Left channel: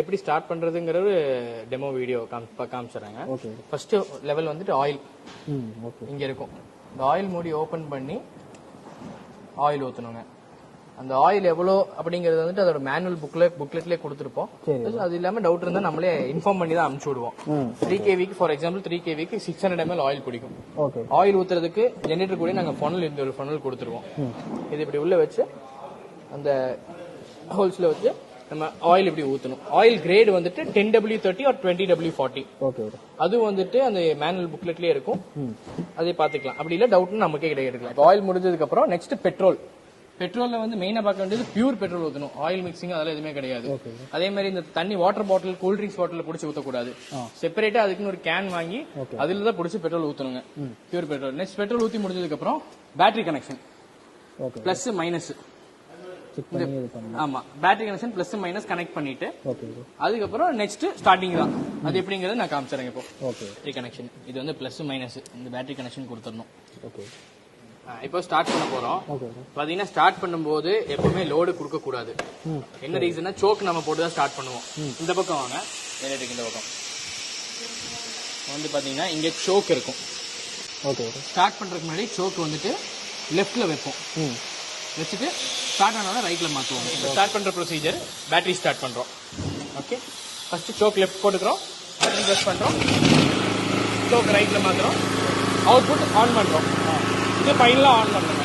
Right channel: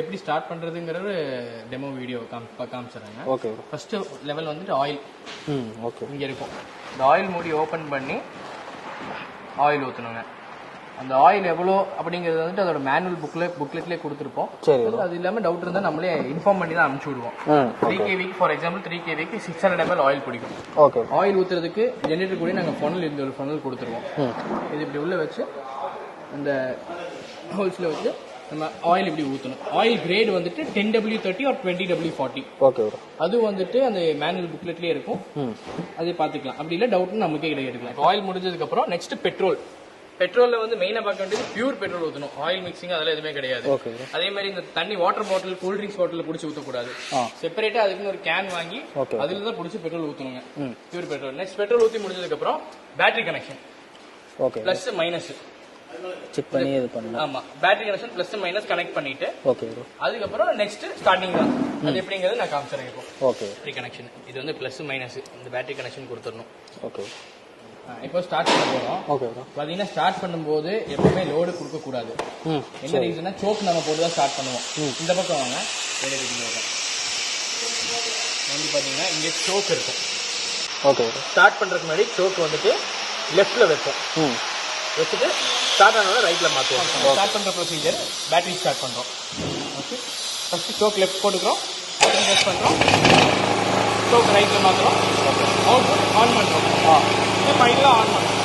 எப்படி ஸ்டார்ட் பண்றதுங்கிறது demo video காமிச்சறாங்க. ஓகே. ஃபர்ஸ்ட் லெவல் வந்துட்டு ஆயில். ஓகே. இங்க இருக்கும். இந்த ஆயில் மூடி ஓபன் பண்ணி ஆயில் ஊத்தணுங்க. அந்த ஆயில் எவ்வளோ அப்படிங்கிறது வந்துட்டு அதோட மேனுவல் புக்லெட்லேயே கொடுத்துருப்போம். அது இல்லாமல் டவுட் இருந்தால் நம்மளே இன்ஃபார்ம் பண்ணி தான் அனுப்பிச்சு விடுவோம். 3 kVக்கு ஃபார் எக்ஸாம்பிள் 3 kVக்கு 600 ml ஆயில் பிடிக்கும். ஓகே. ஆயில் ஊற்றுறதுக்கு ஜெனரேட்டர் கூட நாங்கள் ஃபனல் இங்கே ஒரு ஃபனல் கொடுத்துருவோம். இது இப்படி உள்ள வச்சு அந்த ஹோல்ஸில் வச்சு நம்ம ஆயில் இப்படி ஊற்றணும். ஆயில் கிரேட் வந்துட்டு 10W30 or 20W40. ஓகே. அது வந்துட்டு அந்த மேனுவல் புக்லெட்லேயே இருக்கும். அதே பார்த்துக்கலாம். அப்படி இல்லை டவுட்னு நமக்கே கிடையாது. இப்போ ஆயில் முடிஞ்சதுக்கப்புறம் நெக்ஸ்ட் பெட்ரோல்ல வந்து மெயினா பார்க்க வேண்டியது பியூர் பெட்ரோல் ஊற்றணும். ஆயில் மிக்சிங் அதெல்லாம் எதுவுமே கிடையாது. அதே மாதிரி இந்த தண்ணி water bottle cool drinks bottle பிடிச்சி ஊற்றக்கூடாது. செப்பரேட்டா அதுக்குன்னு ஒரு கேன் வாங்கி அதுல தான் பிடிச்சி பெட்ரோல் ஊற்றணுங்க. Pure petrol. நெக்ஸ்ட் பெட்ரோல் ஊற்றி முடிஞ்சதுக்கு அப்புறம் battery connection plus minus check பண்ணி இது பண்ணலாம். ஆமா, battery connection plus minus connect பண்ணிட்டு ஓகே. அதுக்கப்புறம் நெக்ஸ்ட் ஸ்டார்டிங் தான். அது எப்படிங்கிறது நான் காமிச்சிடுறேன் இப்போ. ஓகே. பேட்டரி கனெக்ஷன் இது வந்து பிளஸ் மைனஸ் இந்த பேட்டரி கனெக்ஷன் கொடுத்துடணும். ஓகே. இப்போ ஸ்டார்ட் பண்ண போறோம். ஓகே. பாத்தீங்கன்னா ஸ்டார்ட் பண்ணும்போது எப்பவுமே லோடு கொடுக்க கூடாது. என்ன ரீசன்னா சோக் நம்ம போட்டு தான் ஸ்டார்ட் பண்ணுவோம். இந்த பக்கம் வாங்க. இந்த பக்கம் வந்து பாத்தீங்கன்னா இங்க சோக் இருக்கும். ஓகே. ஸ்டார்ட் பண்றதுக்கு முன்னாடி சோக் வந்துட்டு லெஃப்ட்ல வைப்போம். வச்சுட்டு ஸ்டார்ட் ஆனாலும் ரைட்ல மாத்துவோம். ஸ்டார்ட் பண்ற ப்ரொசீஜர் பேட்டரி ஸ்டார்ட் பண்றோம். ஓகே. ஃபர்ஸ்ட் சோக் லெஃப்ட் போட்டுக்கிறோம். பிரஸ் பண்றோம். சோக் ரைட்ல மாத்துறோம். அவுட்புட் ஆன் பண்றோம். இது ஃபைனலா ஆன் பண்றோம்.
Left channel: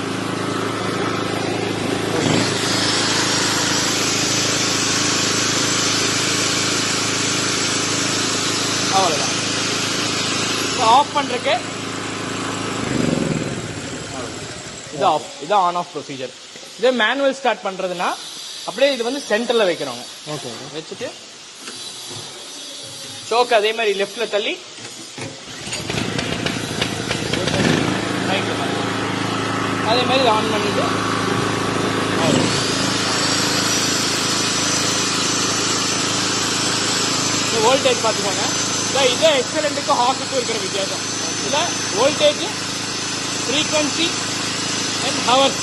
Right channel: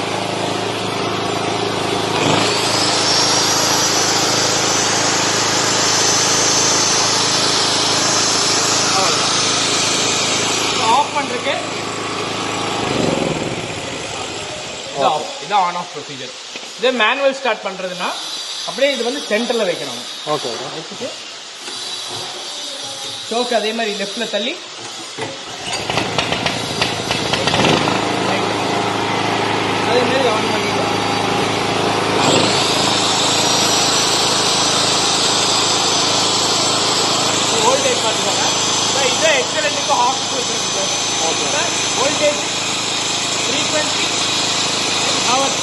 ஆஃப் பண்றது இது ஆன் ஆஃப் ப்ரொசீஜர். இது மேனுவல் ஸ்டார்ட் பண்றதுன்னா அப்படியே இது வந்து சென்டர்ல வைக்கிறோம். ஓகே. வச்சுட்டு சோக் அதே மாதிரி லெஃப்ட்ல தள்ளி அதே மாதிரி ஆன் பண்ணிட்டு வோல்டேஜ் பார்த்துக்கோங்க. இதே எக்ஸலண்ட்டுக்கும் ஹாஃபுக்கும் இருக்கிற வித்தியாசம். Voltage frequency hours.